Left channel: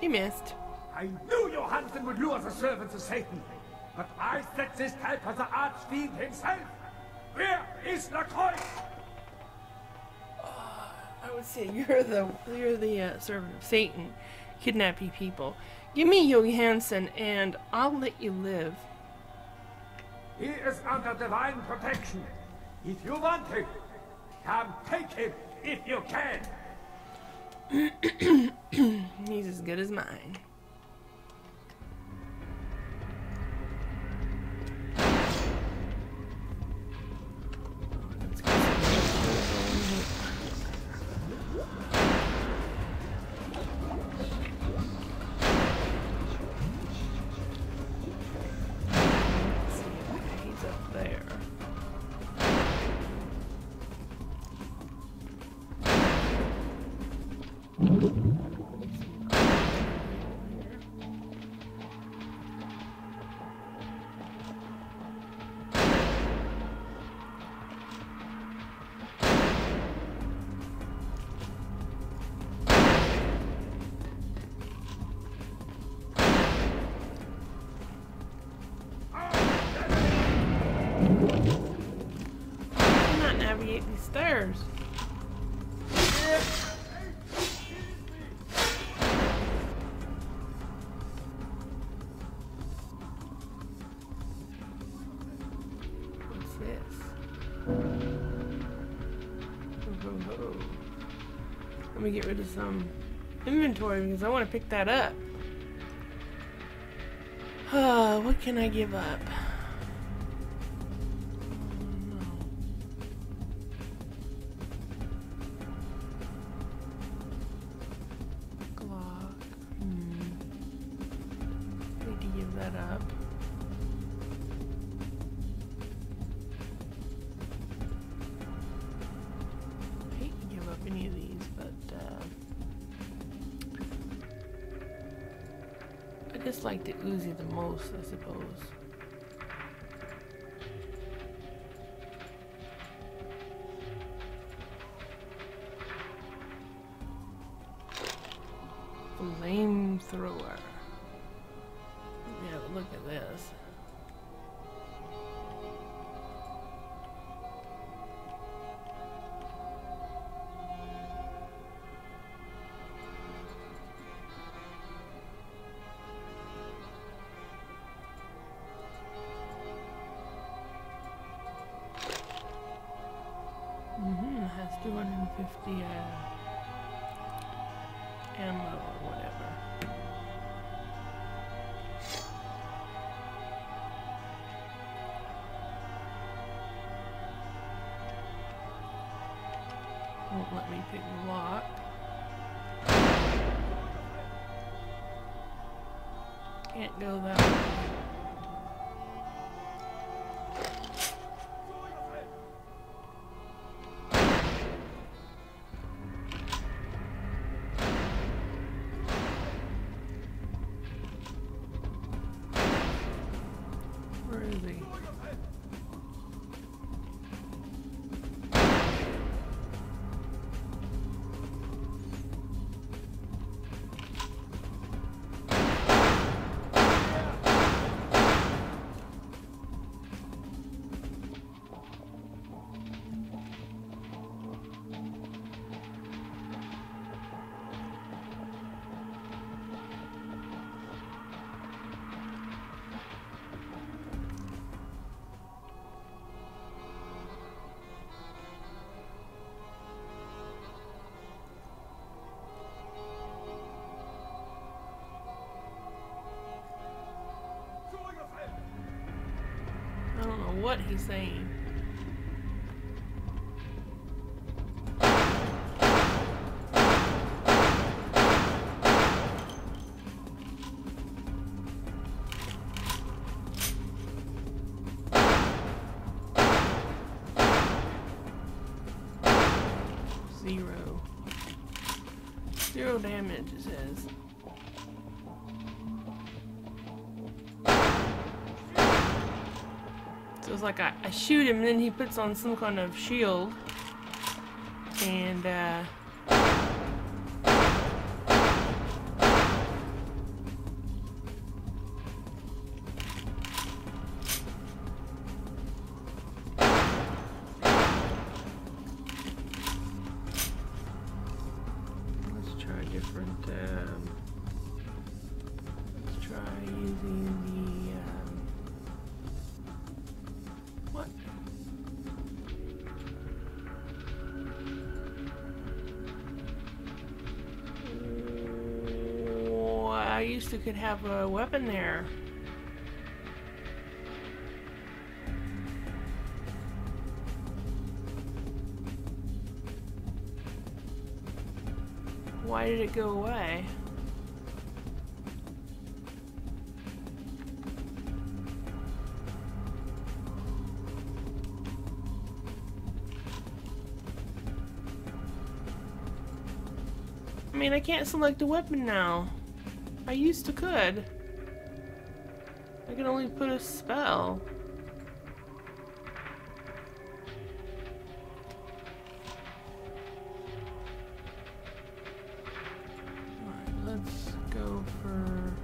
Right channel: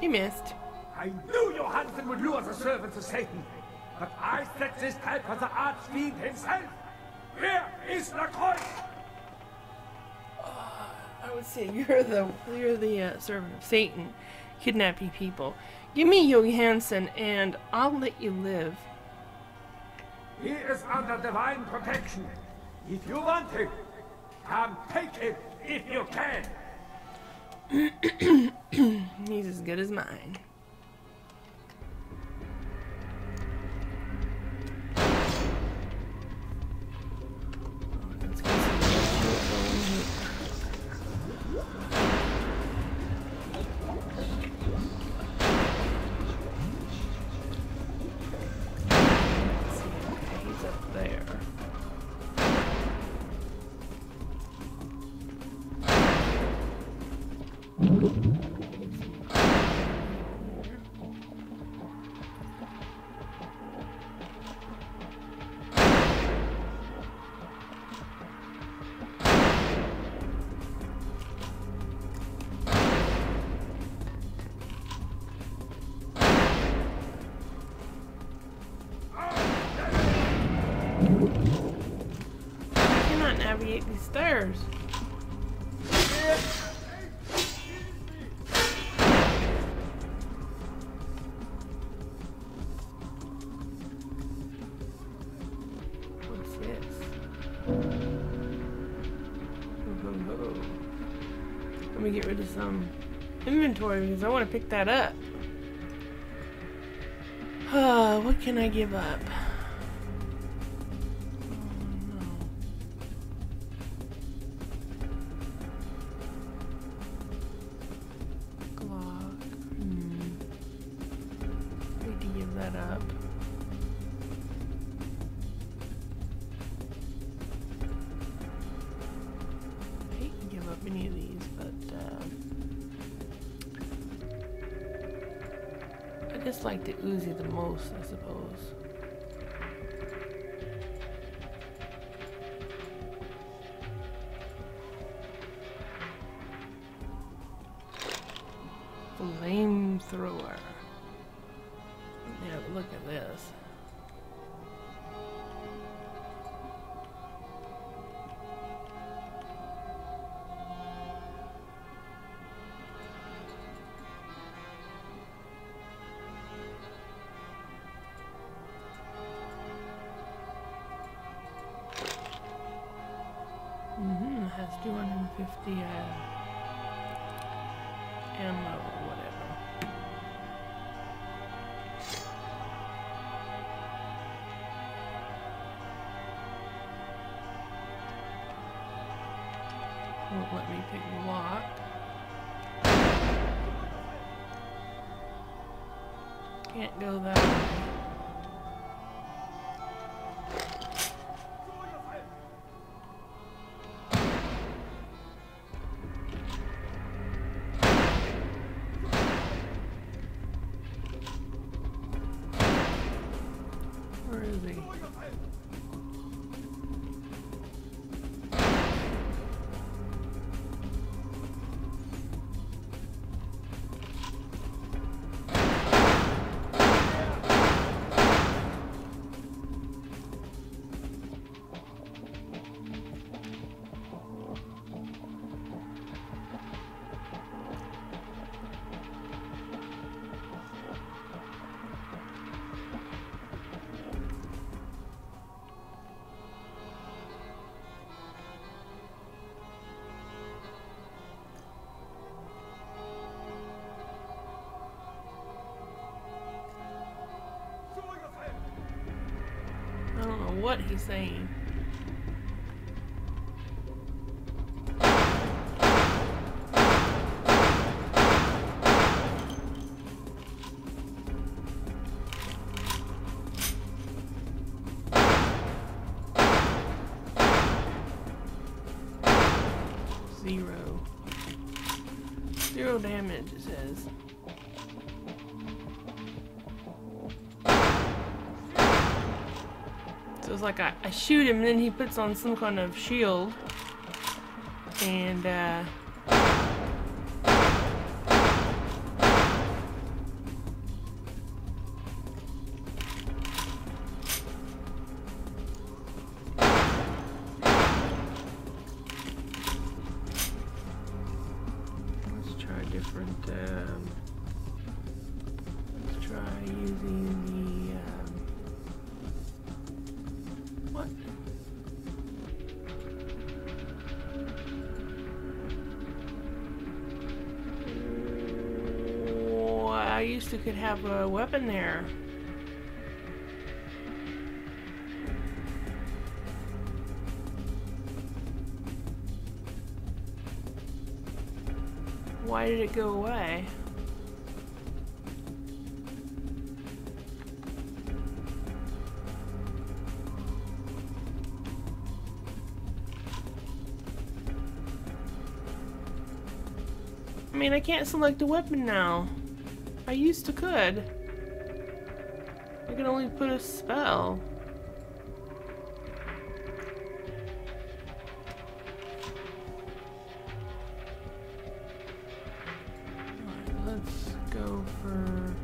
He missed. I knew Johansen would do us a service to Satan, but I set this type of the Archfiend himself. Where is the Kreuz? I would say you're the servant of Satan, kidnapping people. Give me Johansen, and I'll let you live. He is under divine protection. If you want him, come take him if you can. He's as good as mine. Let's get some blood shield going here. Let's see, okay, he's up there. I cannot navigate these stairs. What's this? Let me get rid of some inventory because I want to pick that up. What can I give up? That up. I hate to give up any of these, but I just like the Uzi the most, I suppose. Flamethrower. Let me have a look at this. It has 250 ammo or whatever. Won't let me pick the lock. Can't go that way. Where is he? I don't know what he's saying. Zero damage, it says. So it's like I shoot him and then he puts on some kind of shield. And different, let's try using the, what? Oh, I used to could have a weapon there. Why did it go away? I mean, I can't select a weapon now. I used to could. I can only put a spell. Let's go for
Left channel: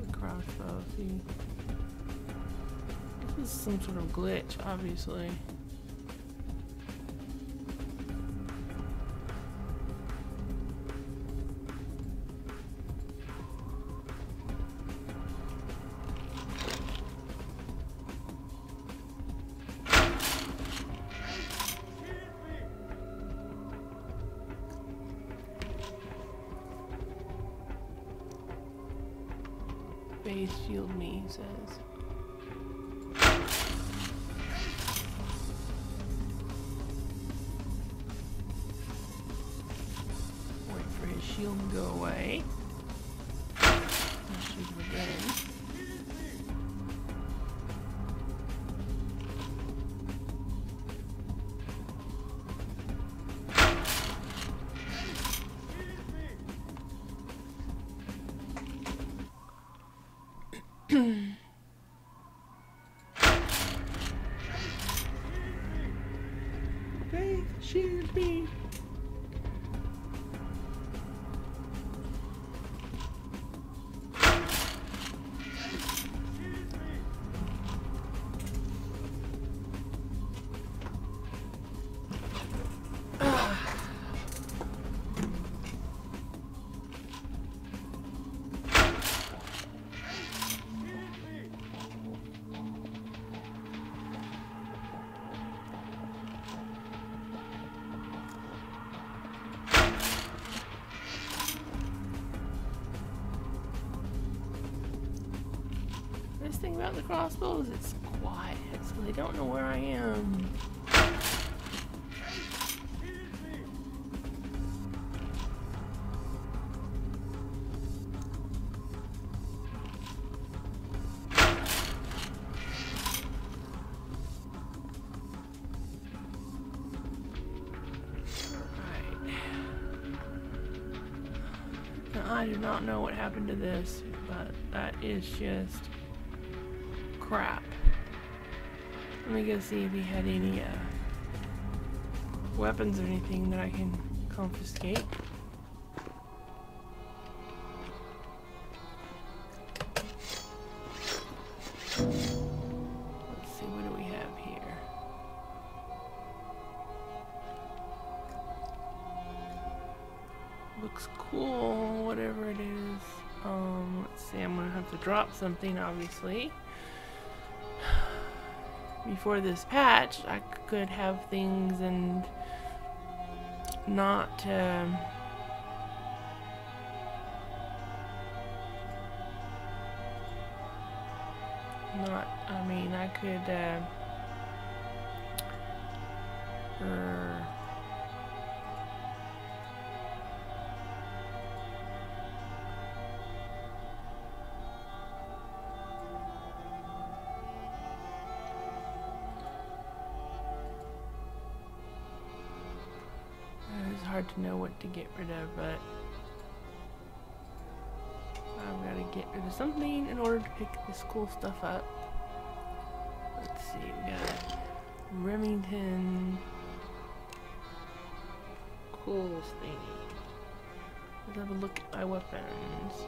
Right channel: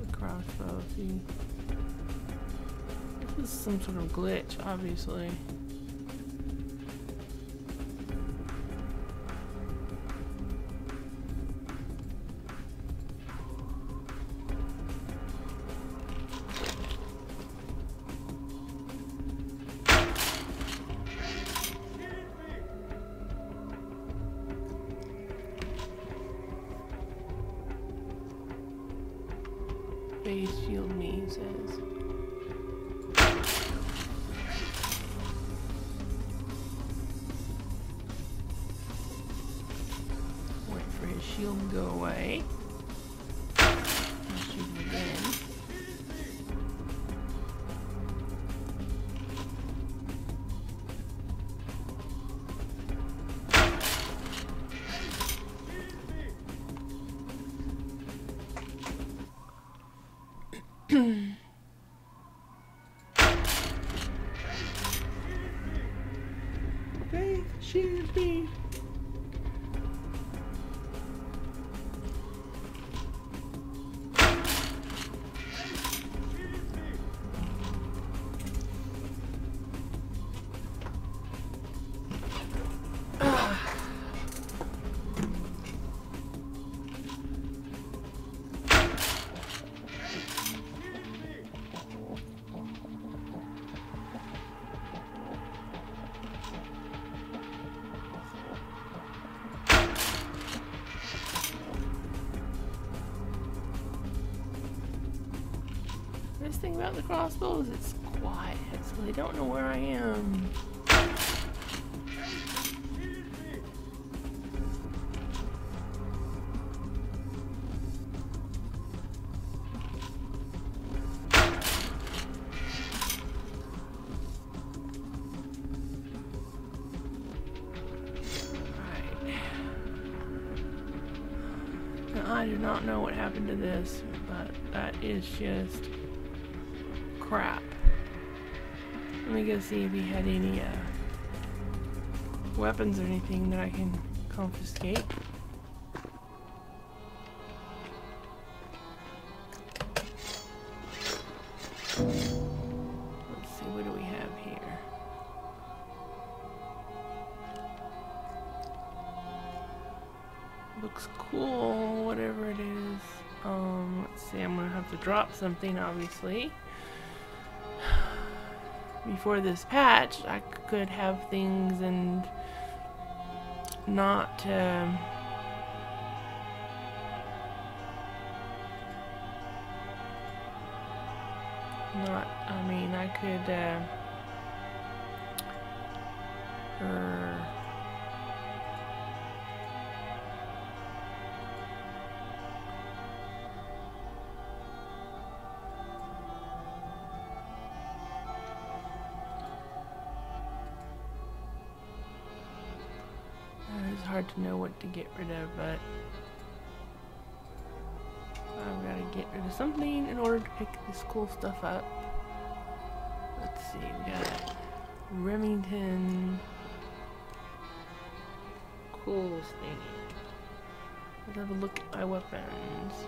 the crossbow. See, this is some sort of glitch, obviously. Base shield me, he says. Wait for his shield to go away. I'll shoot him again. Faith, shield me. This thing about the crossbow is it's quiet, so they don't know where I am. Right. Now, I do not know what happened to this, but that is just crap. Let me go see if he had any weapons or anything that I can confiscate. Let's see, what do we have here? Looks cool, whatever it is. Let's see, I'm gonna have to drop something, obviously. Before this patch, I could have things and not, I mean, I could, it's hard to know what to get rid of, but I've got to get rid of something in order to pick this cool stuff up. Let's see, we got Remington cool thingy. Let's have a look at my weapons.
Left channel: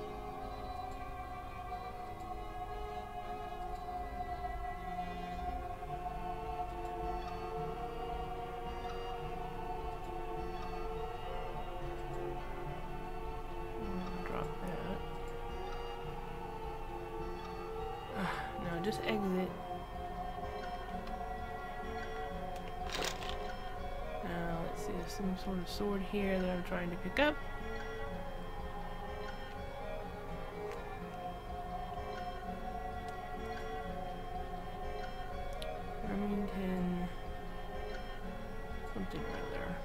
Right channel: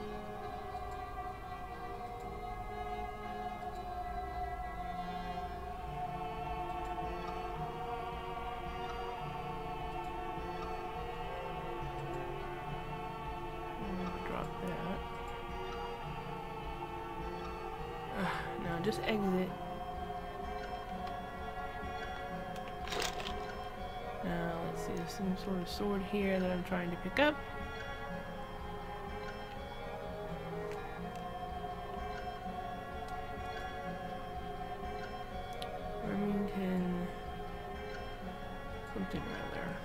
just exit. Now, let's see, there's some sort of sword here that I'm trying to pick up. Remington... something or other.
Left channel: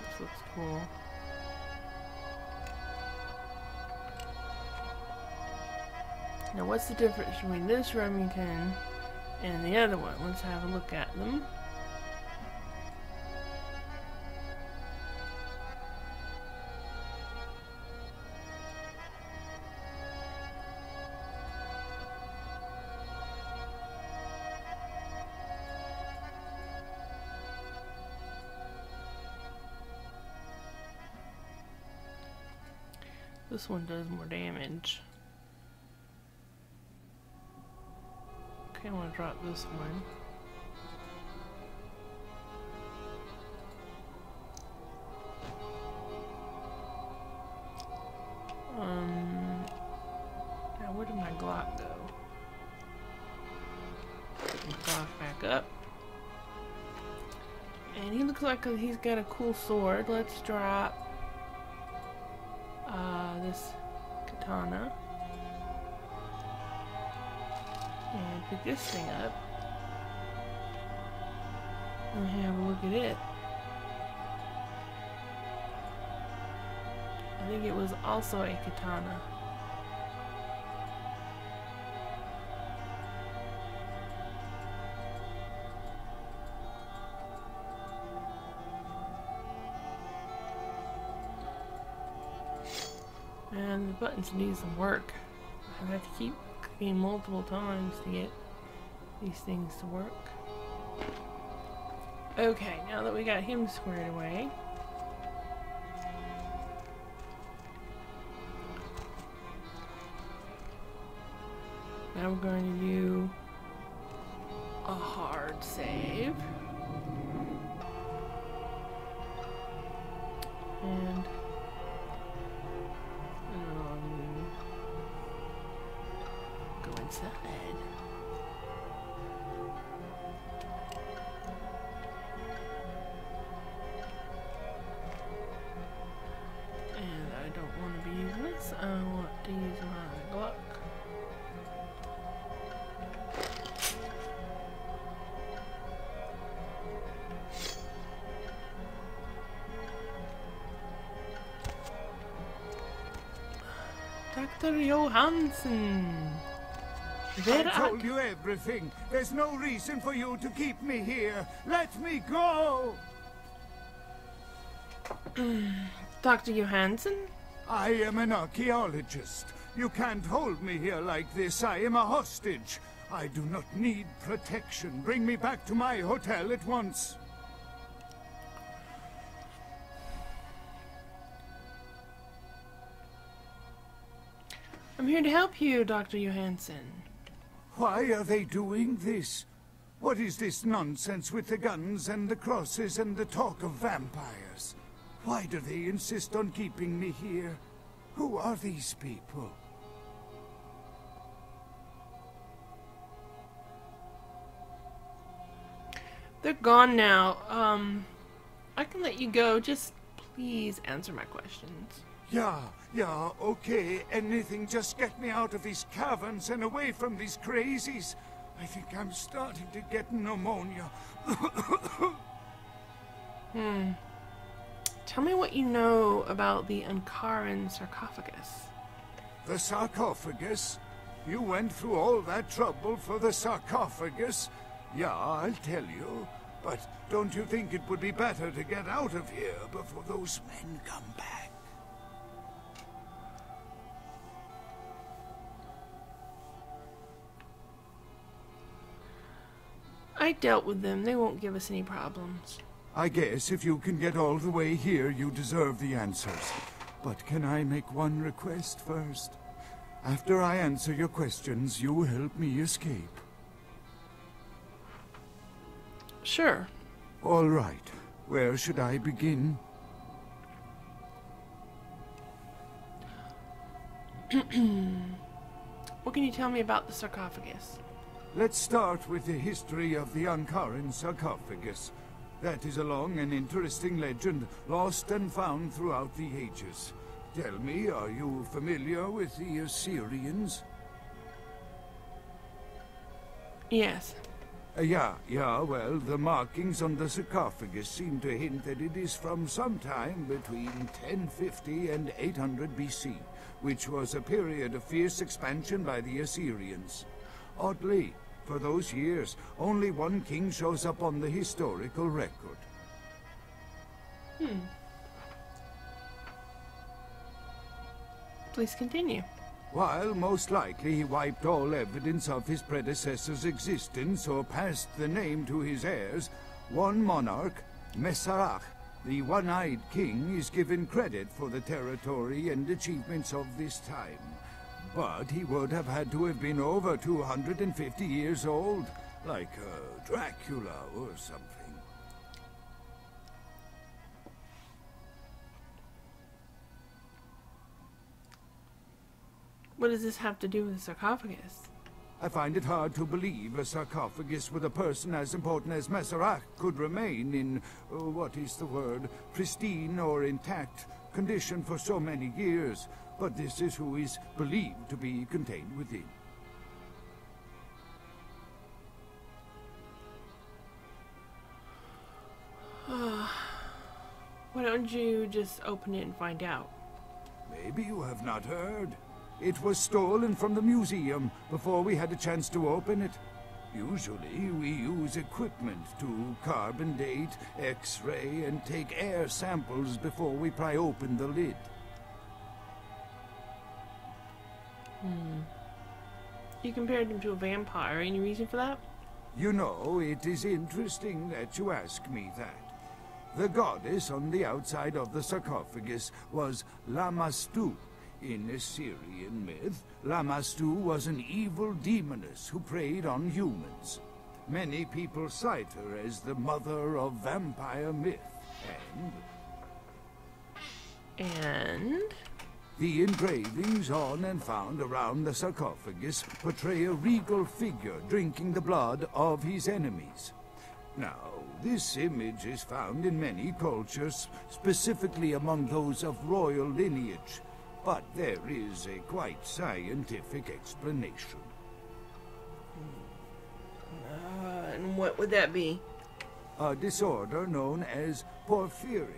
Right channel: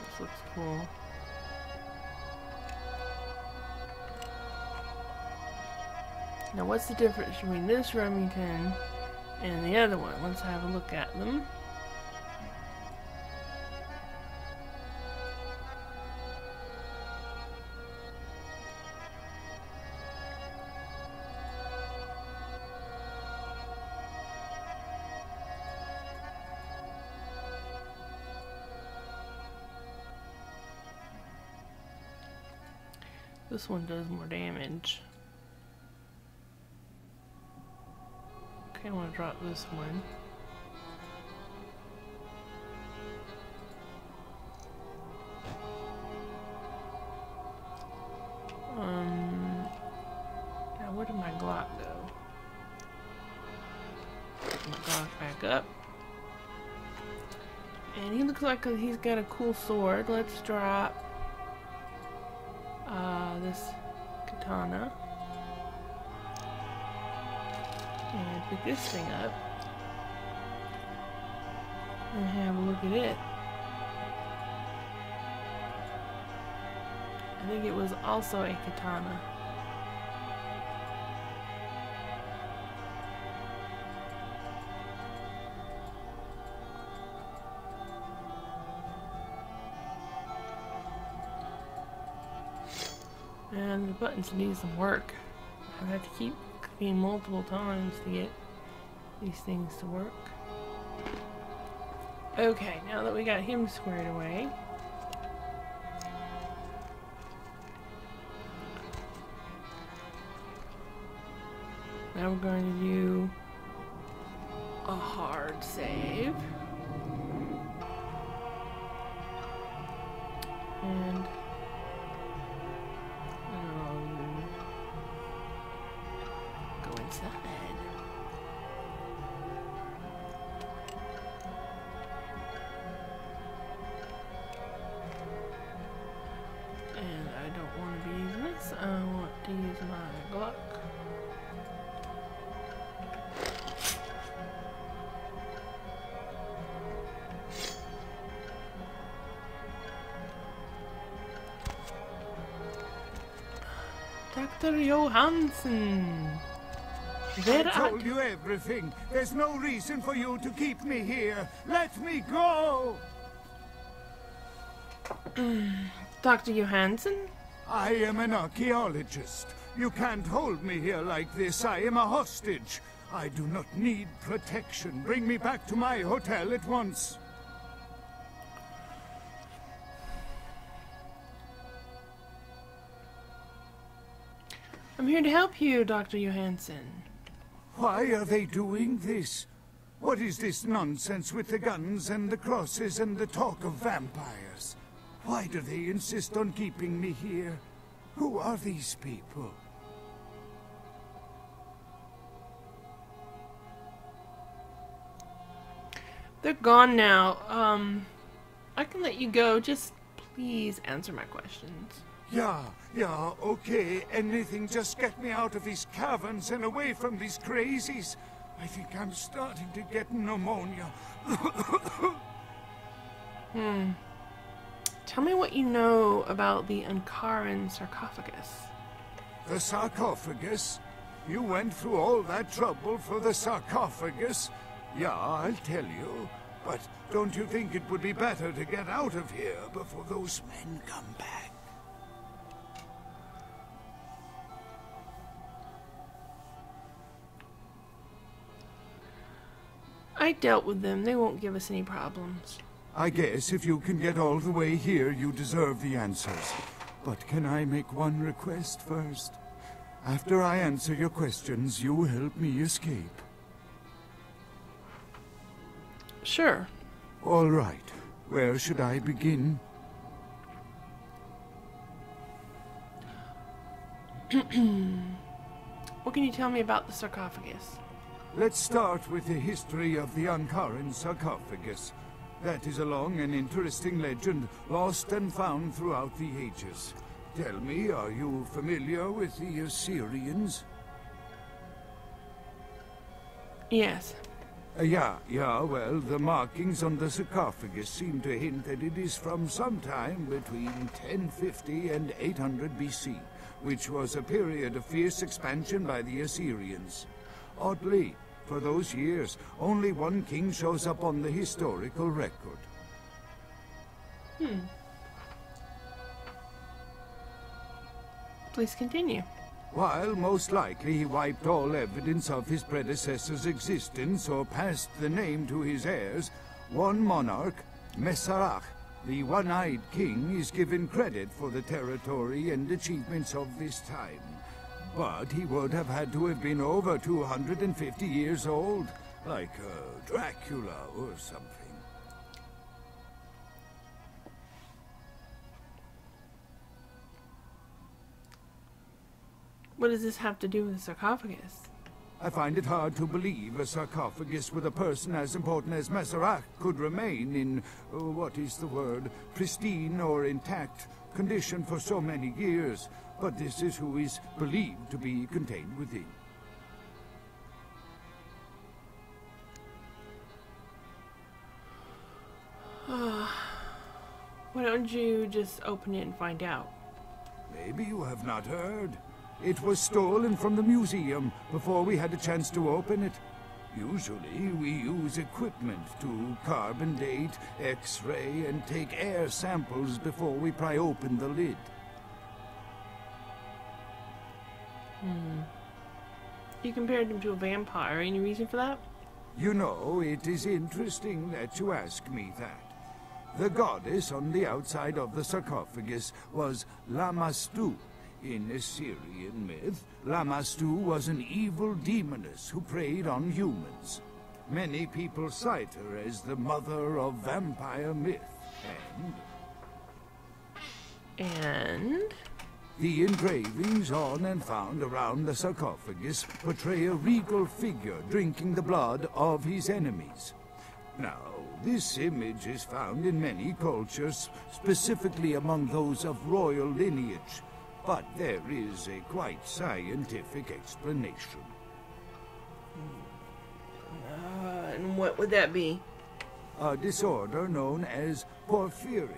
This looks cool. Now, what's the difference between this Remington and the other one? Let's have a look at them. This one does more damage. Okay, I want to drop this one. Now where did my Glock go? Pick my Glock back up. And he looks like he's got a cool sword. Let's drop this katana. And pick this thing up. And have a look at it. I think it was also a katana. And the buttons need some work. I have to keep clicking multiple times to get these things to work. Okay, now that we got him squared away, now we're going to do a hard save. And go inside. And I don't want to be using this. I want to use my Glock. Dr. Johansen. I told you everything. There's no reason for you to keep me here. Let me go! Dr. Johansen? I am an archaeologist. You can't hold me here like this. I am a hostage. I do not need protection. Bring me back to my hotel at once. I'm here to help you, Dr. Johansen. Why are they doing this? What is this nonsense with the guns and the crosses and the talk of vampires? Why do they insist on keeping me here? Who are these people? They're gone now. I can let you go. Just please answer my questions. Yeah, okay. Anything, just get me out of these caverns and away from these crazies. I think I'm starting to get pneumonia. Tell me what you know about the Ankaran sarcophagus. The sarcophagus? You went through all that trouble for the sarcophagus? Yeah, I'll tell you. But don't you think it would be better to get out of here before those men come back? I dealt with them. They won't give us any problems. I guess if you can get all the way here, you deserve the answers. But can I make one request first? After I answer your questions, you help me escape. Sure. All right. Where should I begin? What can you tell me about the sarcophagus? Let's start with the history of the Ankaran sarcophagus. That is a long and interesting legend, lost and found throughout the ages. Tell me, are you familiar with the Assyrians? Yes. Yeah, well, the markings on the sarcophagus seem to hint that it is from sometime between 1050 and 800 BC, which was a period of fierce expansion by the Assyrians. Oddly, for those years, only one king shows up on the historical record. Please continue. While most likely he wiped all evidence of his predecessor's existence or passed the name to his heirs, one monarch, Masquerade, the one-eyed king, is given credit for the territory and achievements of this time. But he would have had to have been over 250 years old, like Dracula or something. What does this have to do with the sarcophagus? I find it hard to believe a sarcophagus with a person as important as Masquerade could remain in, what is the word, pristine or intact condition for so many years, but this is who is believed to be contained within. Why don't you just open it and find out? Maybe you have not heard. It was stolen from the museum before we had a chance to open it. Usually we use equipment to carbon date, X-ray, and take air samples before we pry open the lid. You compared him to a vampire. Any reason for that? You know, it is interesting that you ask me that. The goddess on the outside of the sarcophagus was Lamastu. In Assyrian myth, Lamastu was an evil demoness who preyed on humans. Many people cite her as the mother of vampire myth. And? The engravings on and found around the sarcophagus portray a regal figure drinking the blood of his enemies. Now, this image is found in many cultures, specifically among those of royal lineage, but there is a quite scientific explanation. And what would that be? A disorder known as porphyria.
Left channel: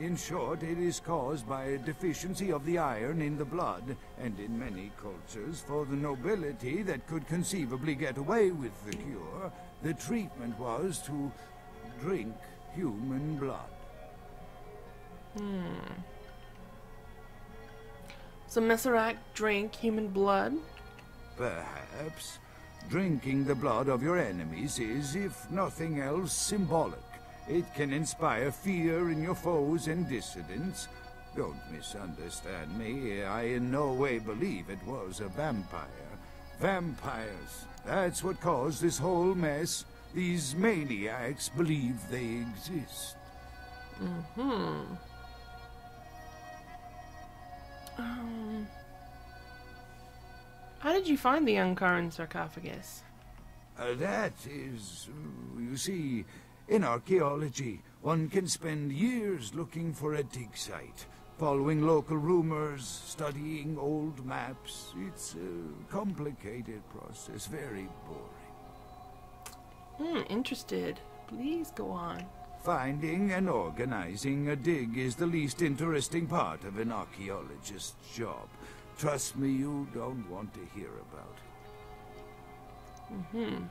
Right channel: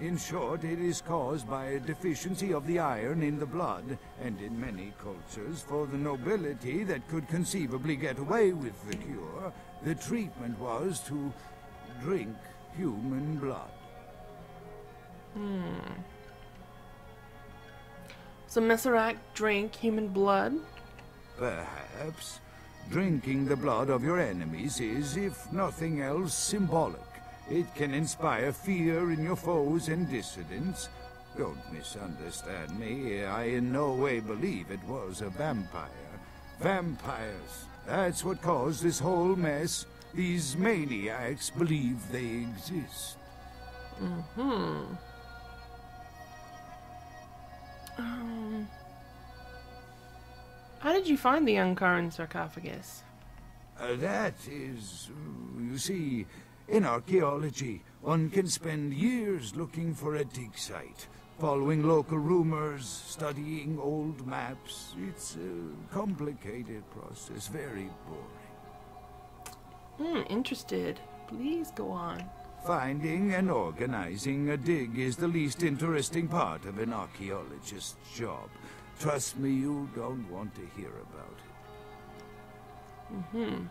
In short, it is caused by a deficiency of the iron in the blood, and in many cultures, for the nobility that could conceivably get away with the cure, the treatment was to drink human blood. So Masquerade drank human blood? Perhaps. Drinking the blood of your enemies is, if nothing else, symbolic. It can inspire fear in your foes and dissidents. Don't misunderstand me. I in no way believe it was a vampire. Vampires. That's what caused this whole mess. These maniacs believe they exist. How did you find the Ankaran sarcophagus? That is, you see, in archaeology, one can spend years looking for a dig site, following local rumors, studying old maps. It's a complicated process, very boring. Interested. Please go on. Finding and organizing a dig is the least interesting part of an archaeologist's job. Trust me, you don't want to hear about it.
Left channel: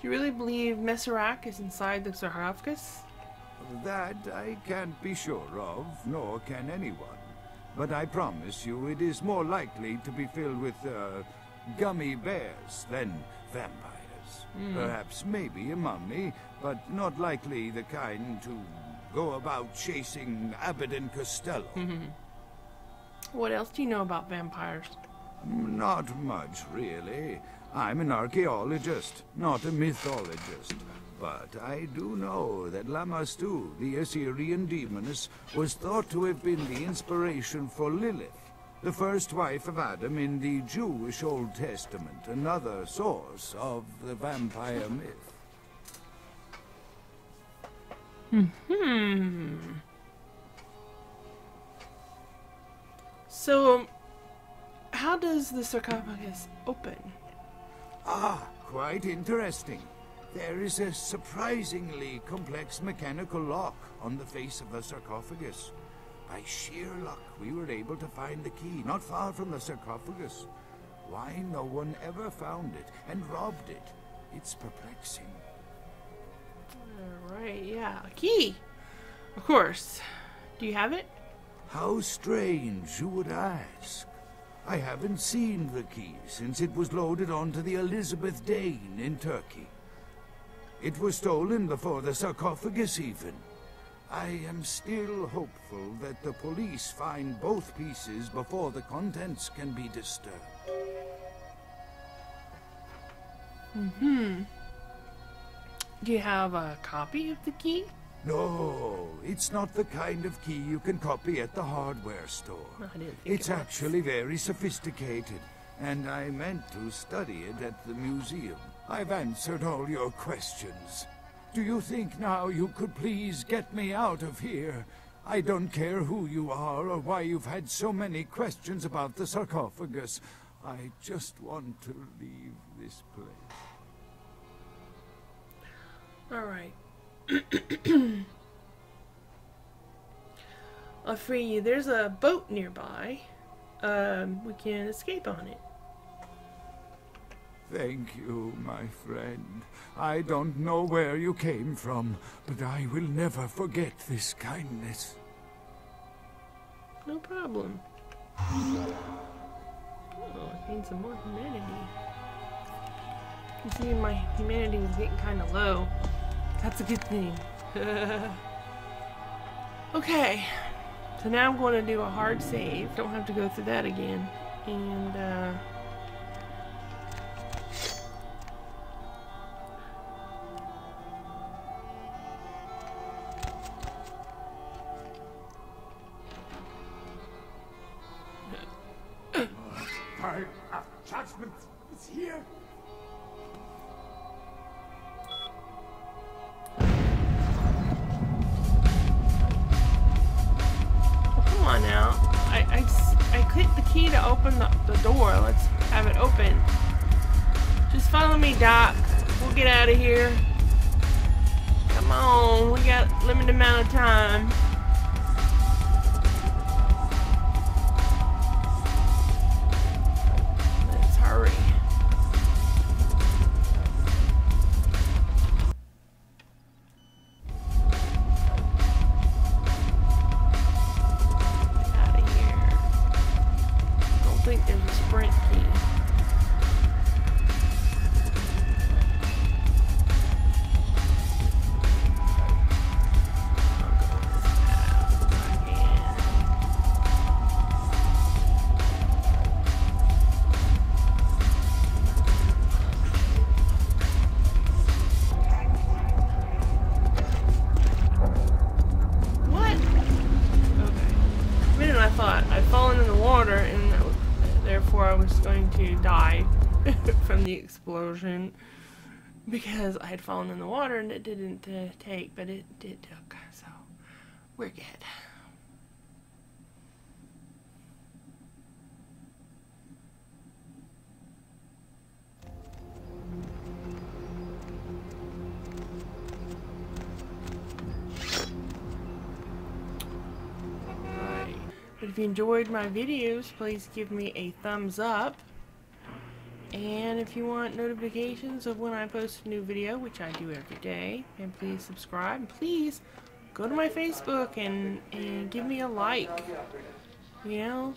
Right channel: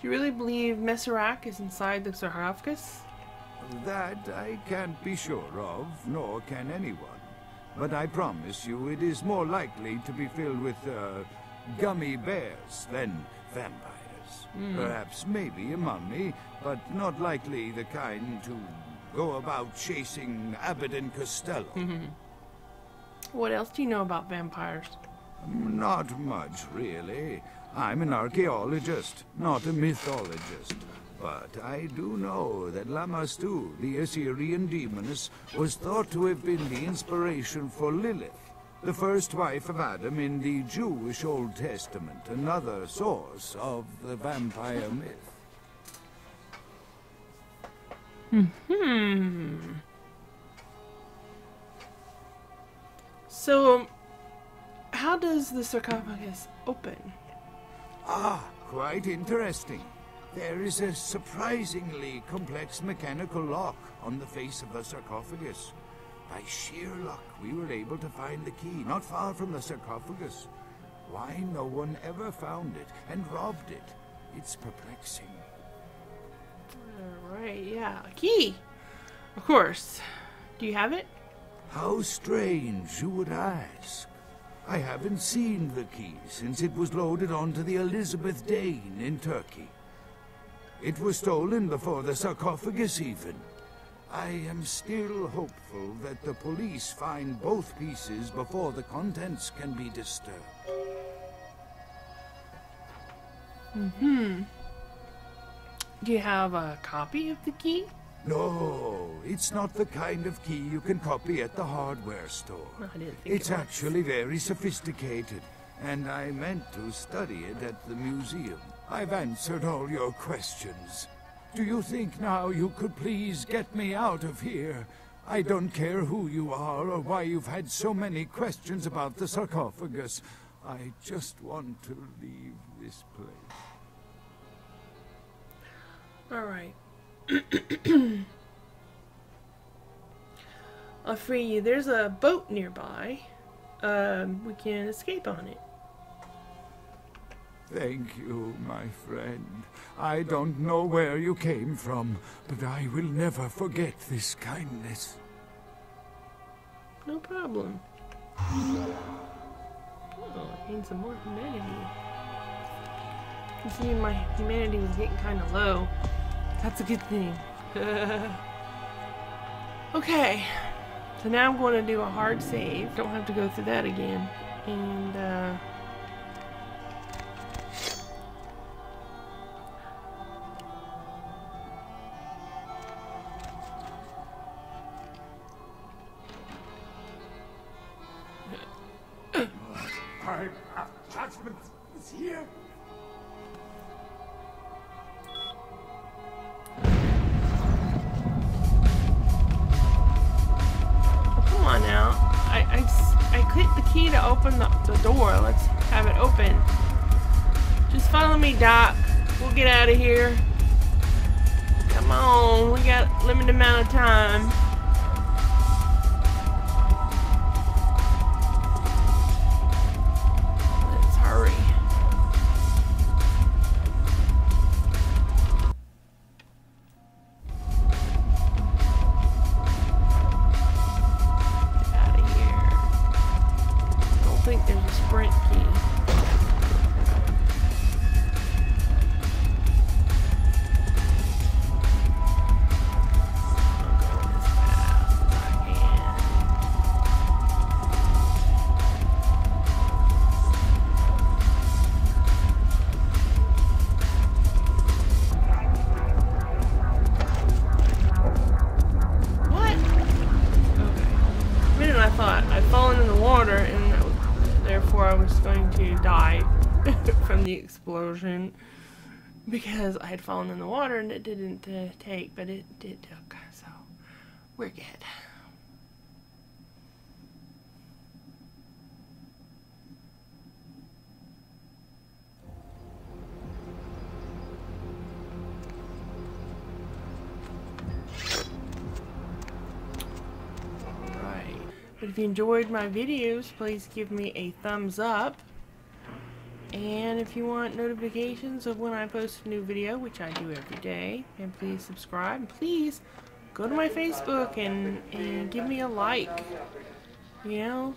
Do you really believe Masquerade is inside the sarcophagus? That I can't be sure of, nor can anyone. But I promise you it is more likely to be filled with, gummy bears than vampires. Perhaps maybe a mummy, but not likely the kind to go about chasing Abbott and Costello. What else do you know about vampires? Not much, really. I'm an archaeologist, not a mythologist. But I do know that Lamastu, the Assyrian demoness, was thought to have been the inspiration for Lilith. the first wife of Adam in the Jewish Old Testament, another source of the vampire myth. So, how does the sarcophagus open? Ah, quite interesting. There is a surprisingly complex mechanical lock on the face of the sarcophagus. By sheer luck, we were able to find the key not far from the sarcophagus. Why no one ever found it and robbed it? It's perplexing. Alright, yeah. A key! Of course. Do you have it? How strange you would ask. I haven't seen the key since it was loaded onto the Elizabeth Dane in Turkey. It was stolen before the sarcophagus even. I am still hopeful that the police find both pieces before the contents can be disturbed. Do you have a copy of the key? No, it's not the kind of key you can copy at the hardware store. I didn't think It's it was. actually very sophisticated, and I meant to study it at the museum. I've answered all your questions. Do you think now you could please get me out of here? I don't care who you are or why you've had so many questions about the sarcophagus. I just want to leave this place. Alright. I'll free you. There's a boat nearby. We can escape on it. Thank you, my friend. I don't know where you came from, but I will never forget this kindness. No problem. Oh, I gained some more humanity. You see, my humanity was getting kind of low. That's a good thing. Okay. So now I'm going to do a hard save. Don't have to go through that again. And, come on now. I clicked the key to open the door. Let's have it open. Just follow me, Doc. We'll get out of here. Come on. We got a limited amount of time. Let's hurry. I think there's a sprint key. I'll go as fast as I can. What? Okay. A minute I thought I'd fallen in the water and therefore I was going to die from the explosion because I had fallen in the water and it didn't take, but it did took, so we're good. But if you enjoyed my videos, please give me a thumbs up. And if you want notifications of when I post a new video, which I do every day, and please subscribe. And please go to my Facebook and give me a like. You know?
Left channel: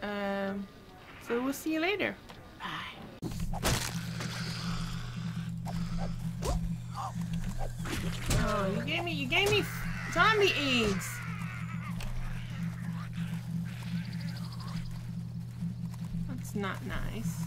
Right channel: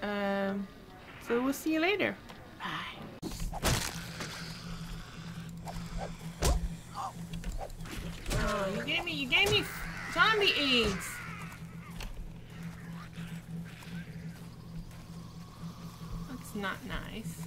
So we'll see you later. Bye. Oh, you gave me zombie AIDS. That's not nice.